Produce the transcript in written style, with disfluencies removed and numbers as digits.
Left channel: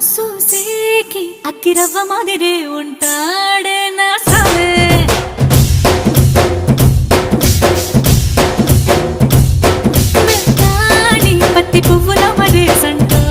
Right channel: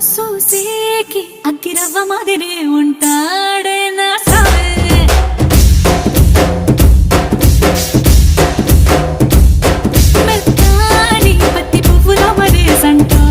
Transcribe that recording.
సూసేకి అగ్గిరవ్వ మాదిరే ఉంటాడే నా సావే మెత్తాని పత్తి పువ్వుల మరే సంటో